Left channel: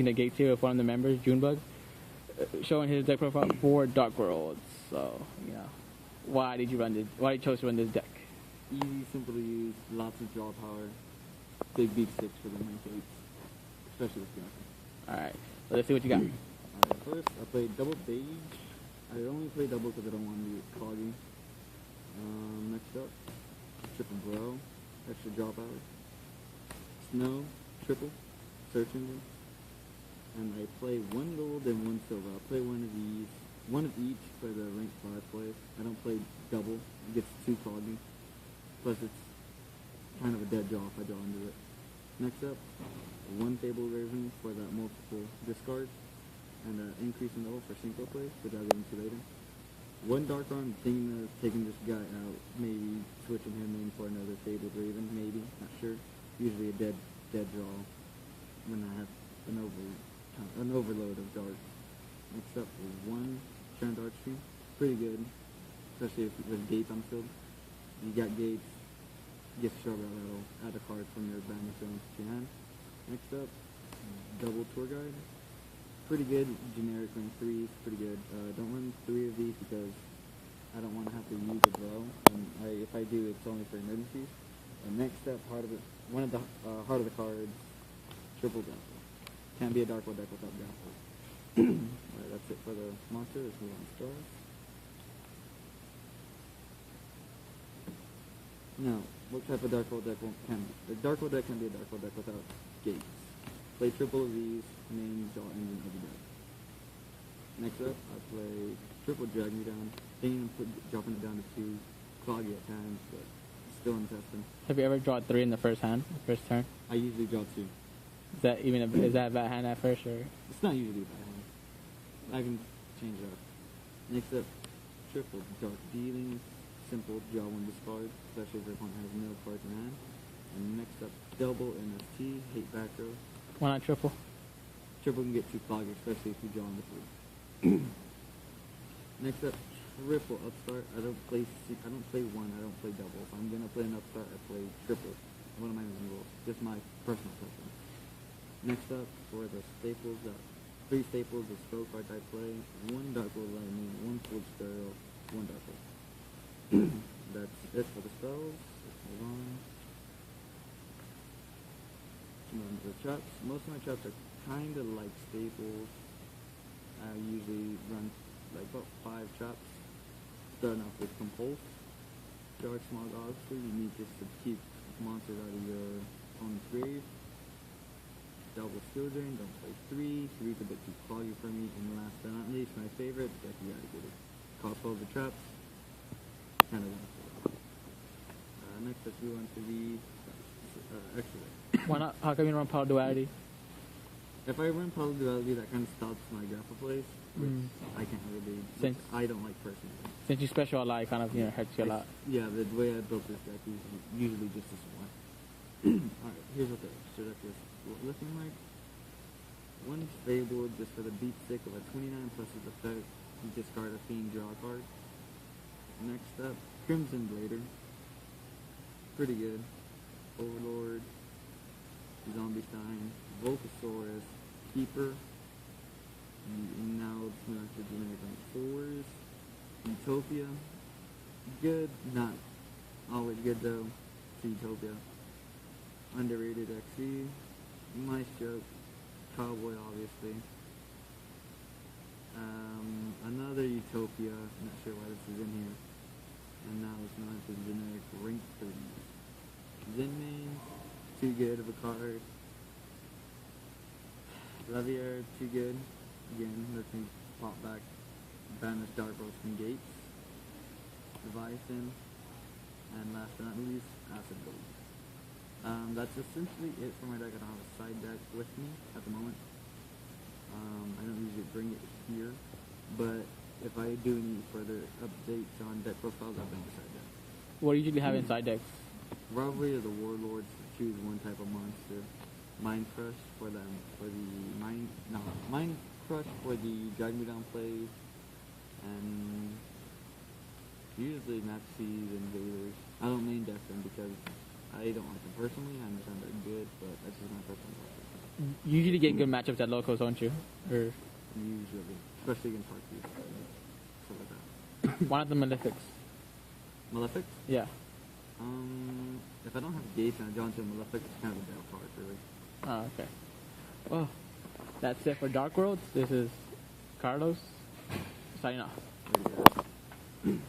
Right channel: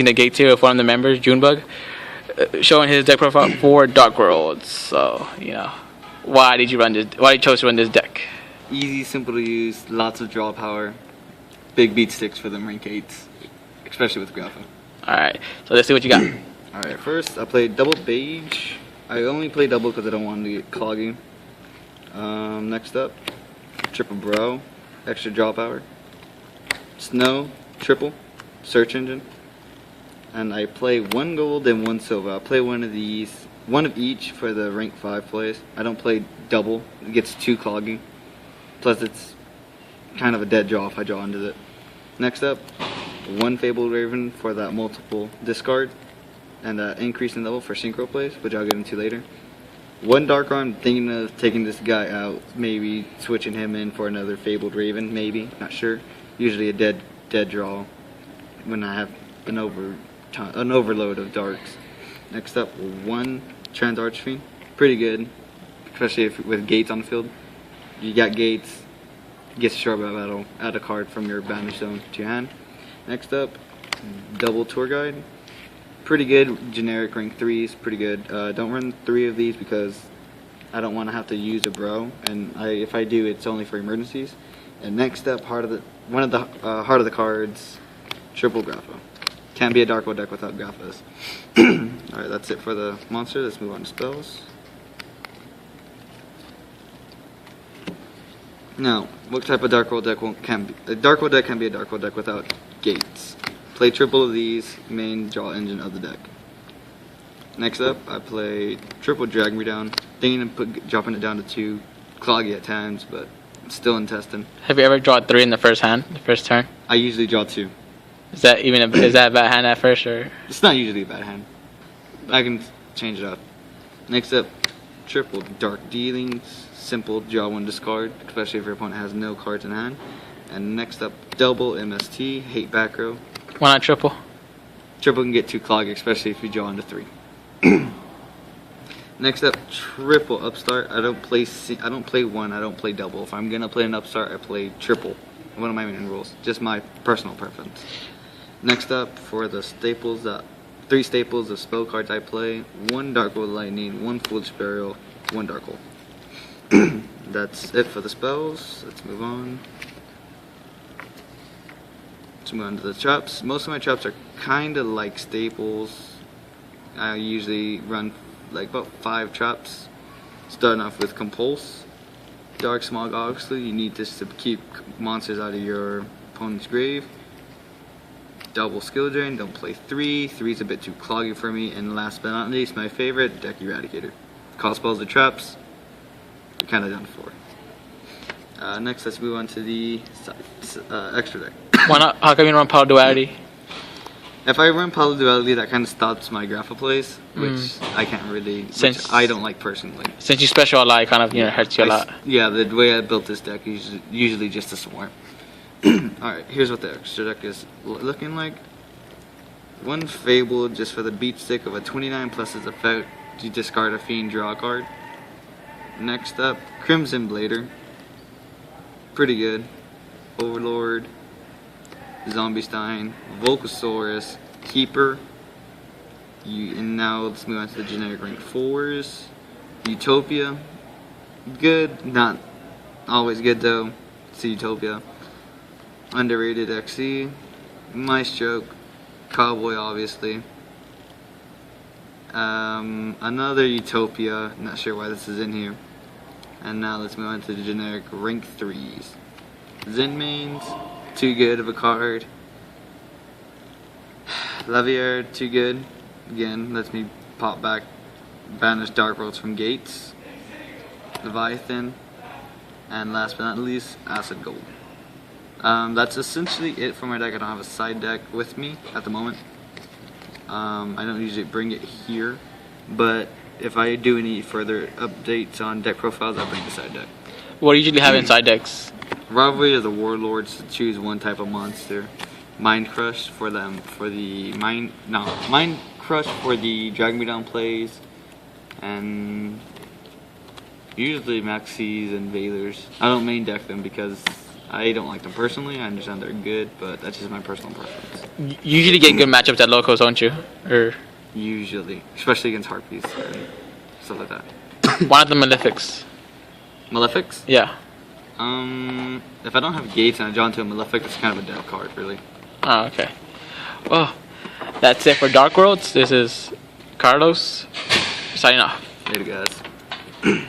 seen a gate here with one of the members, Junebug, showing his deck profile for Dark Worlds. So, you know, why did you run this? Why did you chose to run this deck? Easy, simple to use, lots of draw power, big beat sticks for them rank 8s, especially with Grapha. Alright, so let's see what you got. Alright, first I played double beige. I only play double because I don't want to get cloggy. Next up, triple bro, extra draw power. Snow, triple, search engine. And I play 1 gold and 1 silver. I'll play one of these, one of each for the rank 5 plays. I don't play double, it gets too cloggy. Plus it's kind of a dead draw if I draw into it. Next up, 1 Fabled Raven for that multiple discard and increase in level for synchro plays, which I'll get into later. 1 Dark Arm, thinking of taking this guy out, maybe switching him in for another Fabled Raven, maybe, not sure. Usually a dead draw when I have an overload of darks. Next up, 1 Trans Archfiend, pretty good, especially if with gates on the field. You got gates, gets Sharp Battle, add a card from your Banish Zone to your hand. Next up, double Tour Guide. Pretty good, generic rank 3s, pretty good. Don't run 3 of these because I don't want to have to use a bro, and if I do, it's only for emergencies. And next up, heart of the cards, triple Grapha. Can't be a Dark World deck without Graphas. Alright, that's it for the monster. Let's move on to spells. Now, what type of Dark World deck can be? A Dark World deck can be a Dark World deck without gates. Play triple of these, main draw engine of the deck. Next up, I play triple Drag Me Down, thinking of dropping it down to 2, cloggy at times, but still in testing. Have you ever drawn 3 in the first hand, the first turn? I usually draw 2. Is that a bad hand at first, or? It's not usually a bad hand. I can change it up. Next up, triple Dark Dealings, simple draw 1 discard, especially if your opponent has no cards in hand. And next up, double MST, hate back row. Why not triple? Triple can get too cloggy, especially if you draw into 3. Next up, triple upstart. I don't play 1. I don't play double. If I'm gonna play an upstart, I play triple. One of my main rules, just my personal preference. Next up, for the staples, 3 staples of spell cards I play: 1 Dark World Lightning, 1 Foolish Burial, 1 Dark Hole. That's it for the spells. Let's move on. Let's move on to the traps. Most of my traps are kind of like staples. I usually run like about 5 traps. Starting off with Compulse. Dark Smog, obviously, you need this to keep monsters out of your opponent's grave. Double Skill Drain, don't play 3. 3's a bit too cloggy for me. And last but not least, my favorite, Deck Eradicator. Call spells or traps, you're kind of done for. Next, let's move on to the extra deck. Why not? How come you don't run Power Duality? If I run Power Duality, that kind of stops my Grapha plays, which I can't really, which I don't like personally. Since you special a lot, it kind of hurts you a lot. Yeah, the way I built this deck is usually just a swarm. Alright, here's what the extra deck is looking like. 1 Fable just for the beat stick of a 29 plus its effect. You discard a fiend, draw a card. Next up, Crimson Blader. Pretty good. Overlord, Zombie Stein, Volcasaurus, Keeper. And now let's move on to the generic rank 4s. Utopia. Good, not always good though. It's Utopia. Underrated XC. Maestro. Cowboy, obviously. Another Utopia. Not sure why this is in here. And now let's move on to the generic rank 3s. Zenmaines, too good of a card. Lavier, too good. Again, lets me pop back, banish Dark Worlds from gates. Leviathan, and last but not least, Acid Gold. That's essentially it for my deck. I don't have a side deck with me at the moment. I don't usually bring it here, but if I do any further updates on deck profiles, I bring the side deck. What do you usually have in side decks? Rivalry of the Warlords to choose one type of monster. Mind Crush for them, for the Mind Crush for the Drag Me Down plays, and usually Maxis and Valors. I don't main deck them because I don't like them personally. I understand they're good, but that's just my personal preference. You usually get good matchups at locals, don't you? Or Usually, especially against Harpies and stuff like that. why not the Malefics? Malefics? Yeah. If I don't have Gates and I draw into a Malefic, it's kind of a dead card, really. Oh, okay. Well, that's it for Dark Worlds. This is Carlos signing off. Later, guys.